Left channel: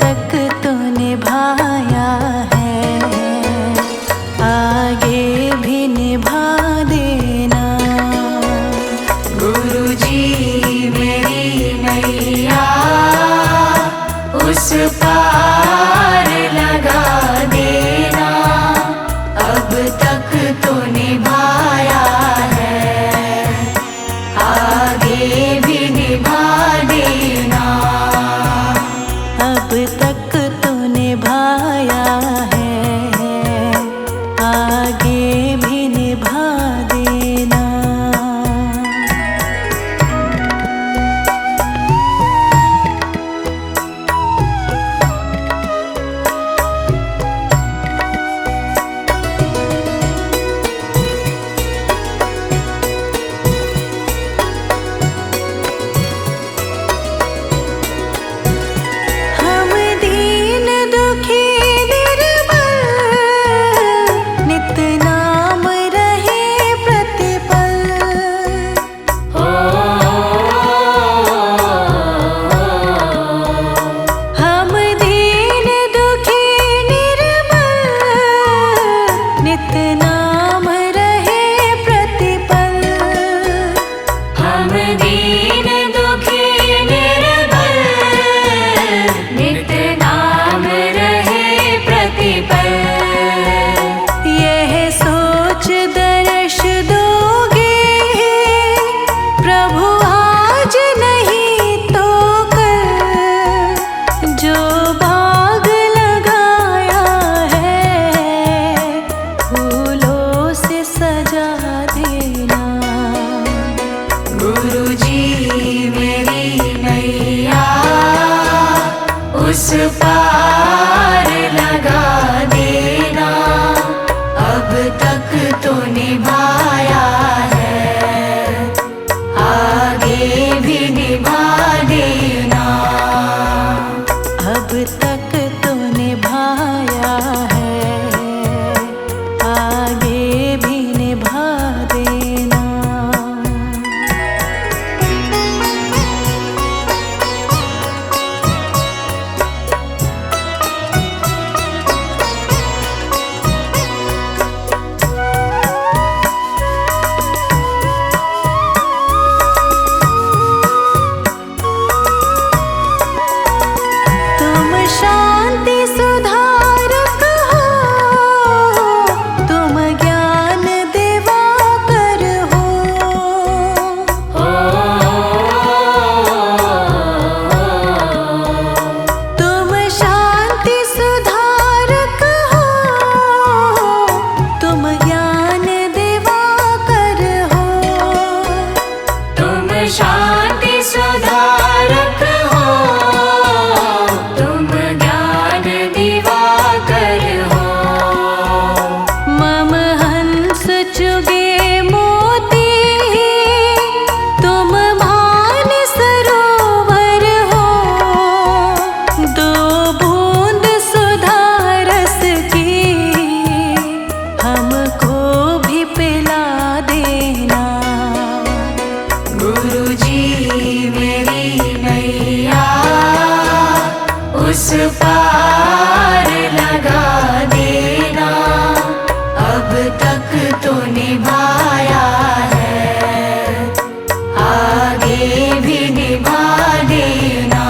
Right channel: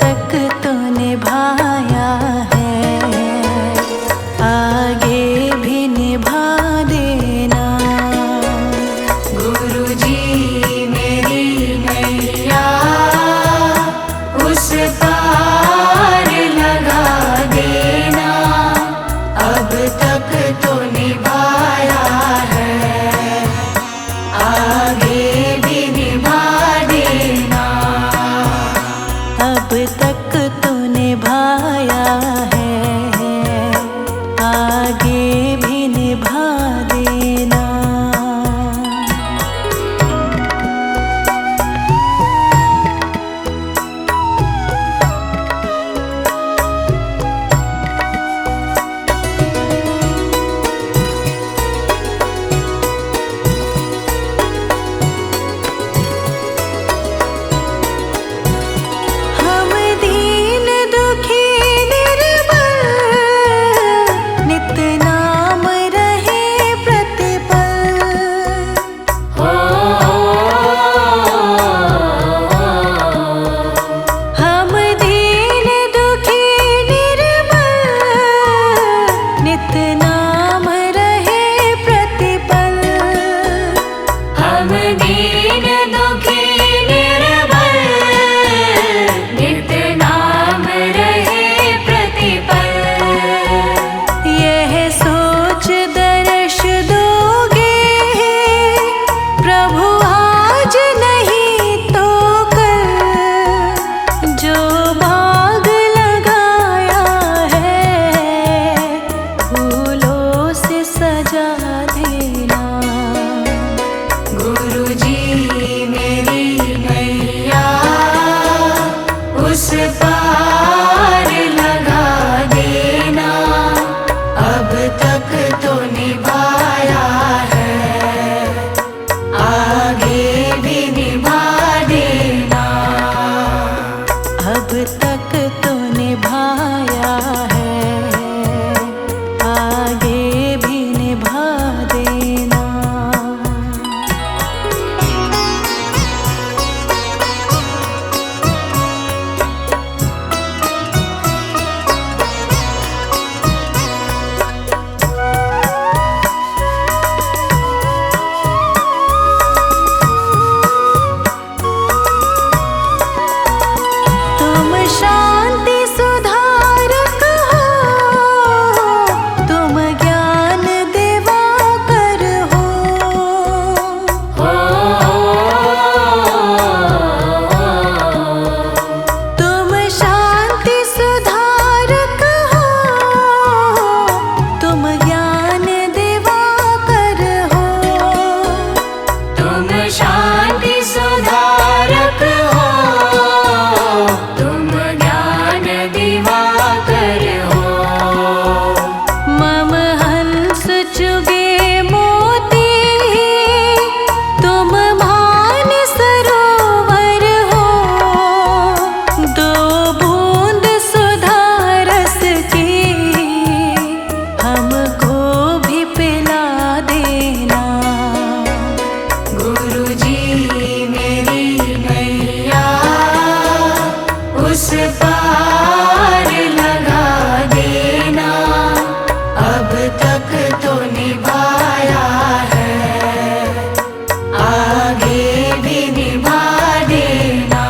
तक तो निभाया है, आगे भी निभा देना। गुरुजी मेरी नैया उस पार लगा देना, अब तक तो निभाया है, आगे भी निभा देना। अब तक तो निभाया है, आगे भी निभा देना। हम दीन दुखी निर्बल, नित नाम रहे प्रतिपल। हम दीन दुखी निर्बल, नित नाम रहे प्रतिपल। हम दीन दुखी निर्बल, नित नाम रहे प्रतिपल। यह सोच दर्श दोगे प्रभु आज नहीं तो कल, जो बाग लगाया है फूलों से सजा देना। गुरुजी मेरी नैया उस पार लगा देना, अब तक तो निभाया है, आगे भी निभा देना। अब तक तो निभाया है, आगे भी निभा देना। तुम शांति सुधारक हो, तुम ज्ञान दिवाकर हो। तुम शांति सुधारक हो, तुम ज्ञान दिवाकर हो। तुम शांति सुधारक हो, तुम ज्ञान दिवाकर हो। मम हंस चुगे मोती, तुम मान सरोवर हो। दो बूंद सुधा रस की हमको भी पिला देना। गुरुजी मेरी नैया उस पार लगा देना, अब तक तो निभाया है, आगे भी निभा देना।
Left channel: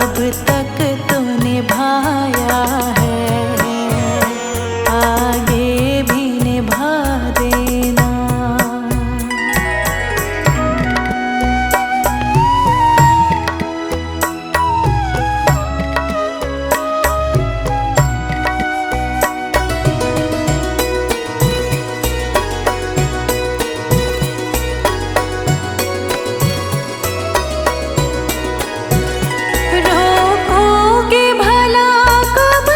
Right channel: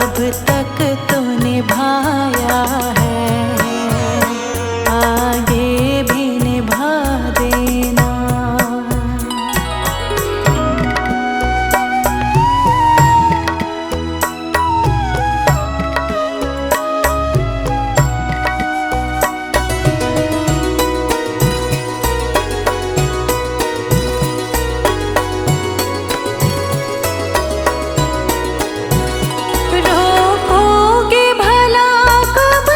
अब तक तो निभाया है, आगे भी निभा देना। रोकोगे भला कब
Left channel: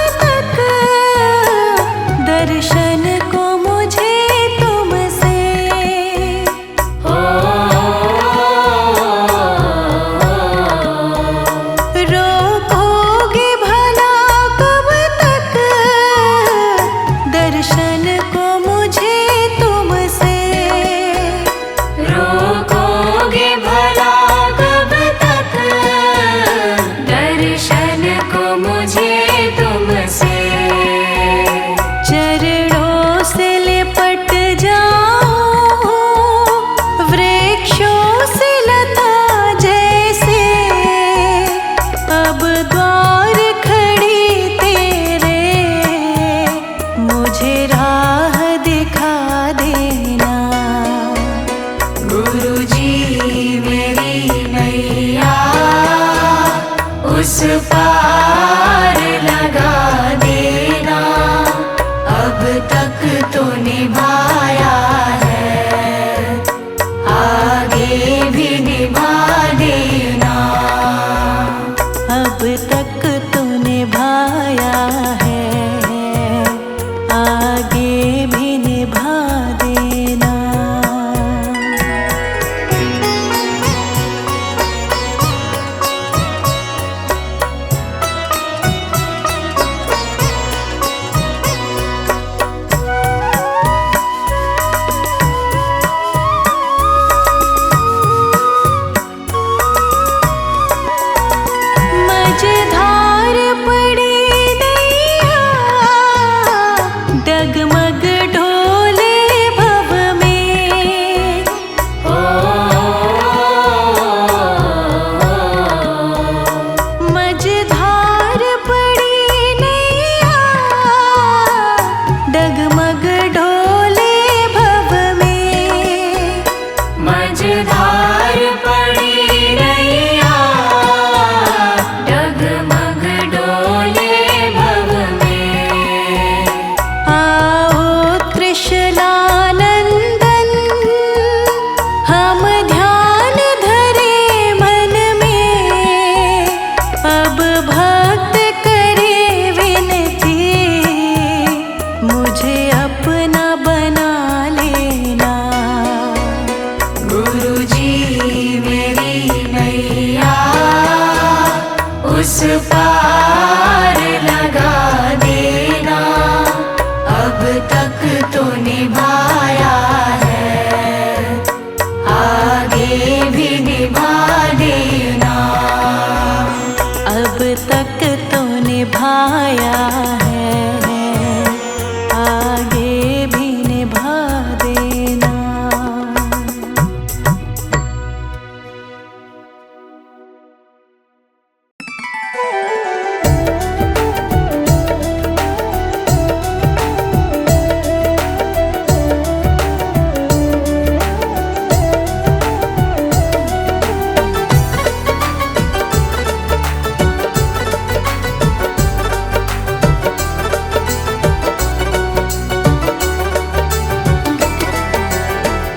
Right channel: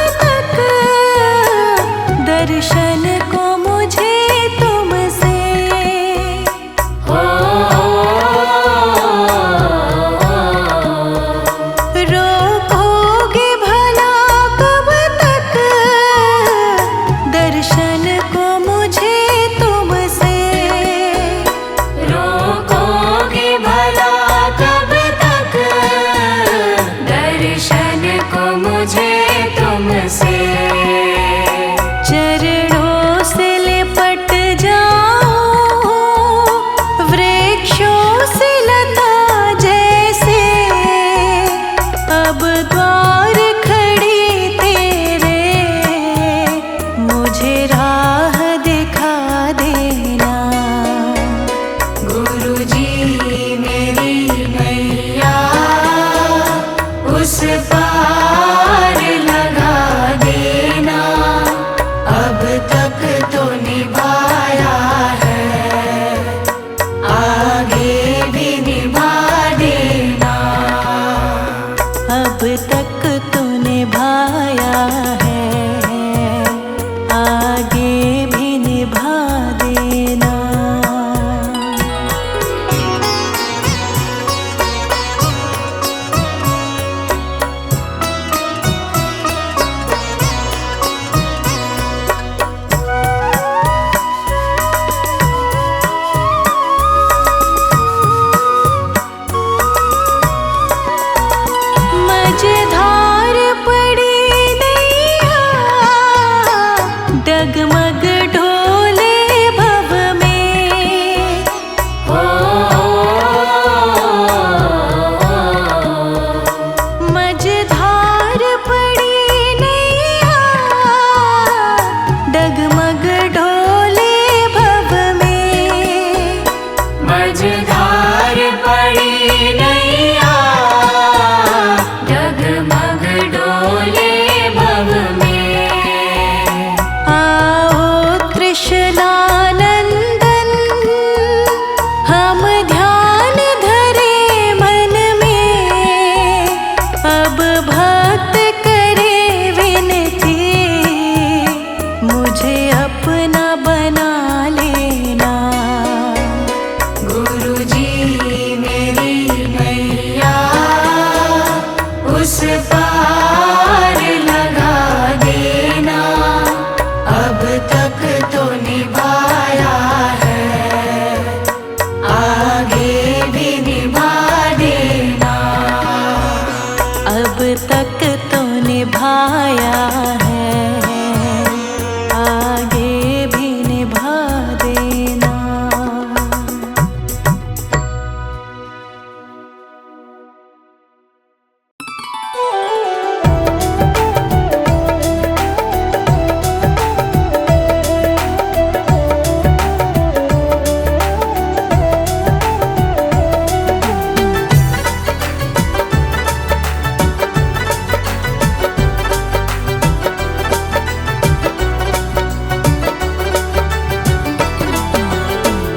द्वार खड़ी तेरे, मुझे राह दिखा देना। गुरुजी मेरी नैया उस पार लगा देना, अब तक तो निभाया है, आगे भी निभा देना। अब तक तूने भाया है, आगे भी निभा देना। मझधार पड़ी नैया, डगमग ढोले भव में। मझधार पड़ी नैया, डगमग ढोले भव में। मझधार पड़ी नैया डगमग डोले भव में। आओ त्रिशलानंदन, हम ध्यान धरे मन में। अब भक्त करे विनती, मुझे अपना बना लेना। गुरुजी मेरी नैया उस पार लगा देना, अब तक तो निभाया है, आगे भी निभा देना। अब तक तो निभाया है, आगे भी निभा देना।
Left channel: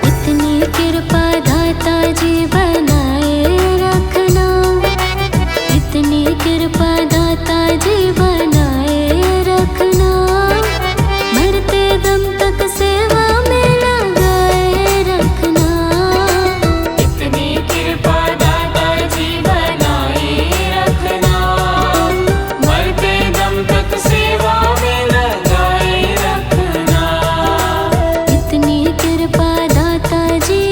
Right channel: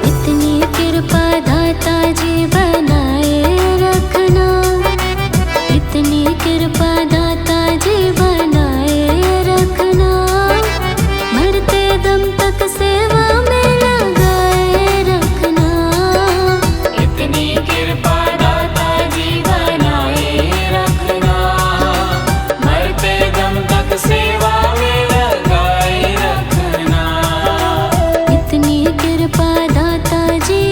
इतनी कृपा दाता जी बनाए रखना, इतनी कृपा दाता जी बनाए रखना। मरते दम तक सेवा में लगाए रखना। इतनी कृपा दाता जी बनाए रखना, मरते दम तक सेवा में लगाए रखना। इतनी कृपा दाता जी।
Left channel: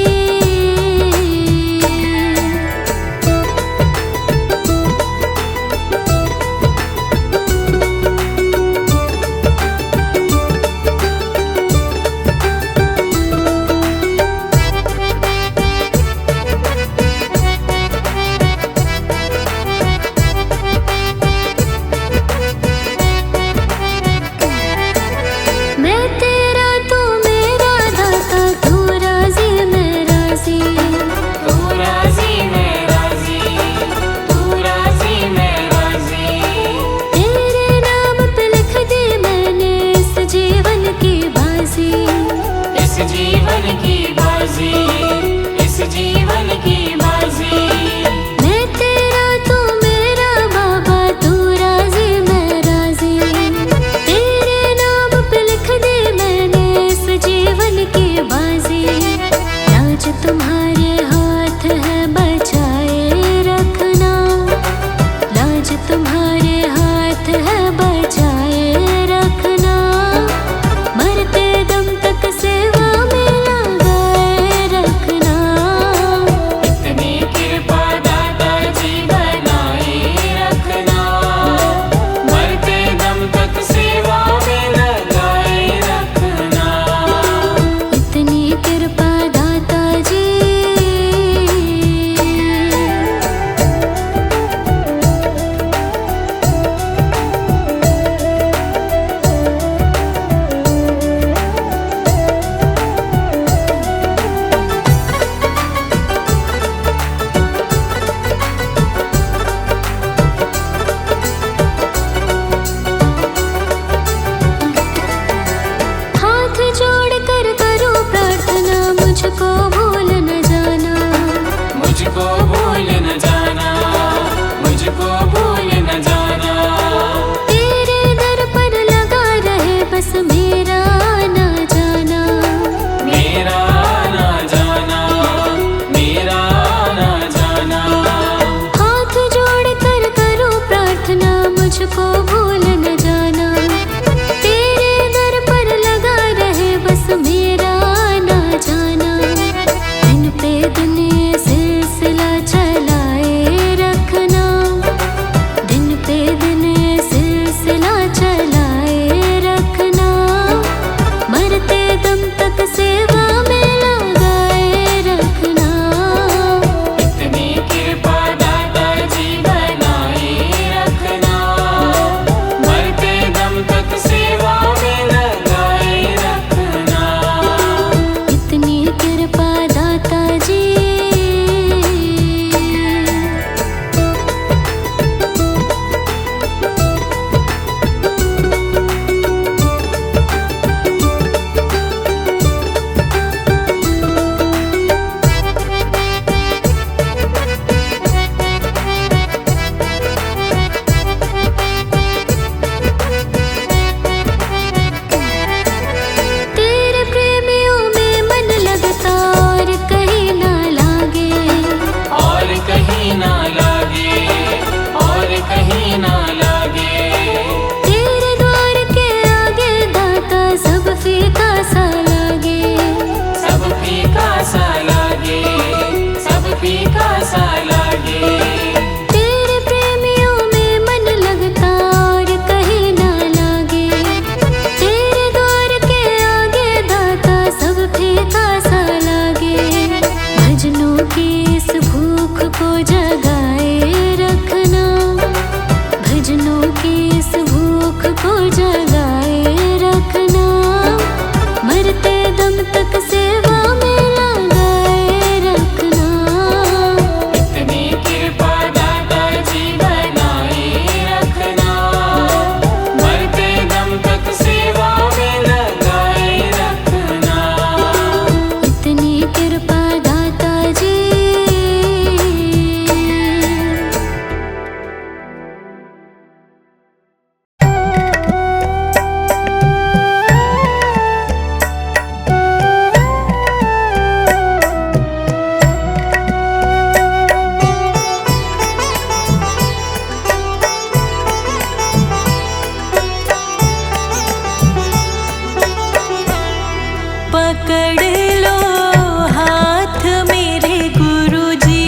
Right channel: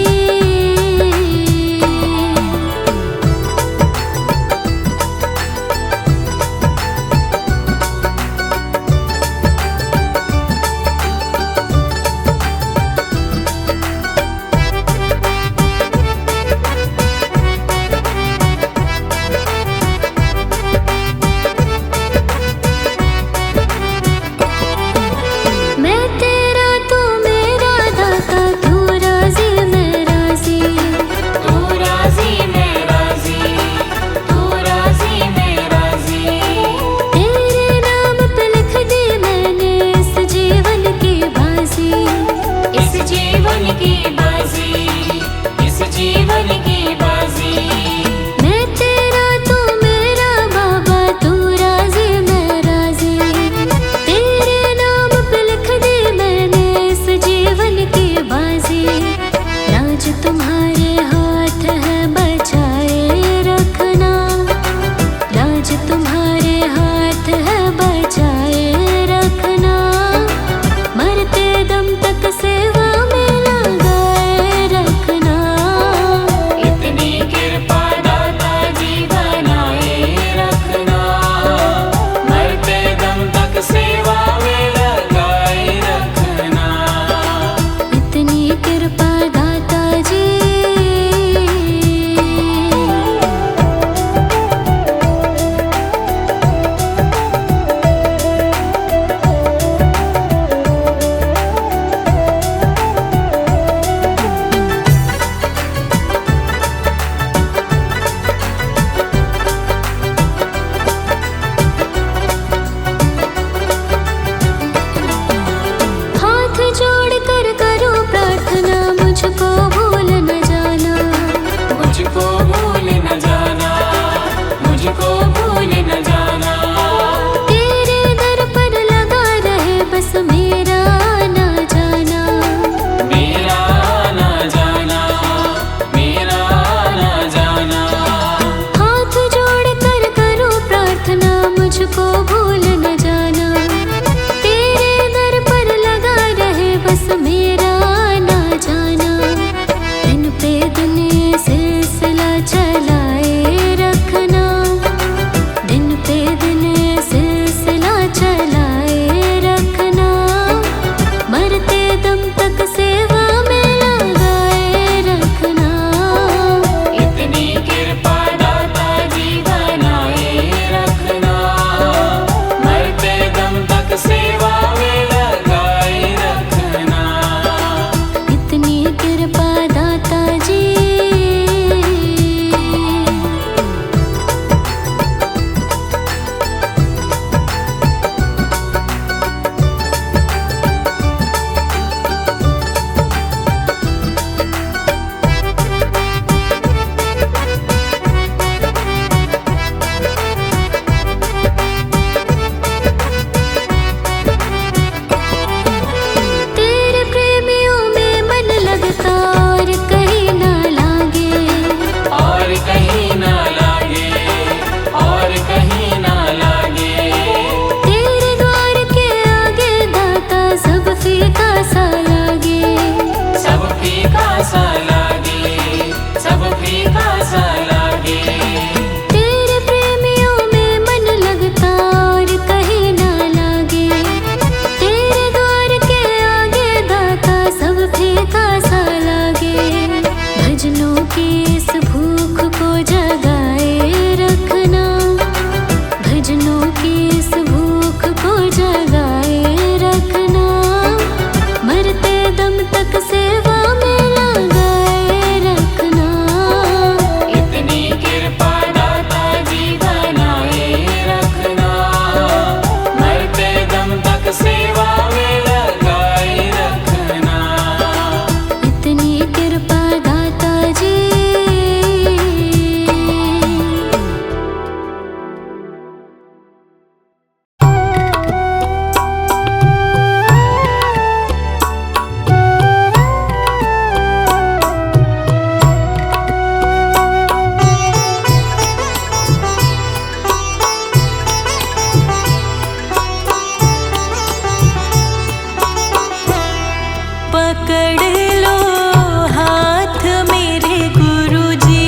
मैं तेरा तू मेरा दाता, तू राजी मैं राजी। तू राजी मैं राजी, तू राजी मैं राजी। तेरे नाम पे लिख दी मैंने इस जीवन की बाजी। इस जीवन की बाजी, इस जीवन की बाजी। मैं तेरा तू मेरा बाबा, तू राजी मैं राजी। तेरे नाम पे लिख दी मैंने इस जीवन की बाजी। राज तुम्हारे हाथ है बचाए रखना, राज तुम्हारे हाथ है बचाए रखना। मरते दम तक सेवा में लगाए रखना। इतनी कृपा दाता जी बनाए रखना, मरते दम तक सेवा में लगाए रखना। इतनी कृपा दाता जी। मुझको भूल न जाना, तेरे दर पर लगा रहे बस मेरा आना जाना। दिन पे दिन ये सिलसिला चलाए रखना, दिन पे दिन ये सिलसिला चलाए रखना। मरते दम तक सेवा में लगाए रखना। इतनी कृपा दाता जी बनाए रखना, मरते दम तक सेवा में लगाए रखना। इतनी कृपा दाता जी। तेरे प्रेमियों में मन लगता और कहीं ना लागे, और कहीं ना लागे, और कहीं ना लागे। तेरे द्वार के आगे दाता सब फीका सा लागे। सब फीका सा लागे, सब फीका सा लागे। तेरे प्रेमियों में मन लगता और कहीं ना लागे, तेरे द्वार के आगे दाता सब फीका सा लागे। भजनों की इस भूख को जगाए रखना, भजनों की इस भूख को जगाए रखना। मरते दम तक सेवा में लगाए रखना। इतनी कृपा दाता जी बनाए रखना, मरते दम तक सेवा में लगाए रखना। इतनी कृपा दाता जी। पकड़ लो हाथ मेरे गुरुजी,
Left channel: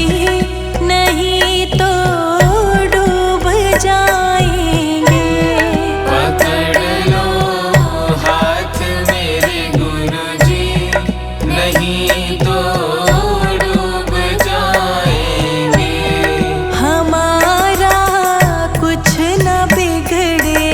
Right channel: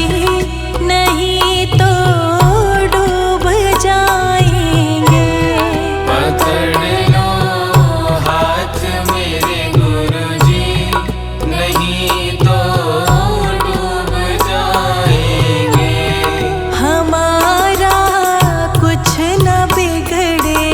नहीं तो डूब जाएंगे। पकड़ लो हाथ मेरे गुरुजी, नहीं तो डूब जाएंगे। हमारा कुछ न बिगड़े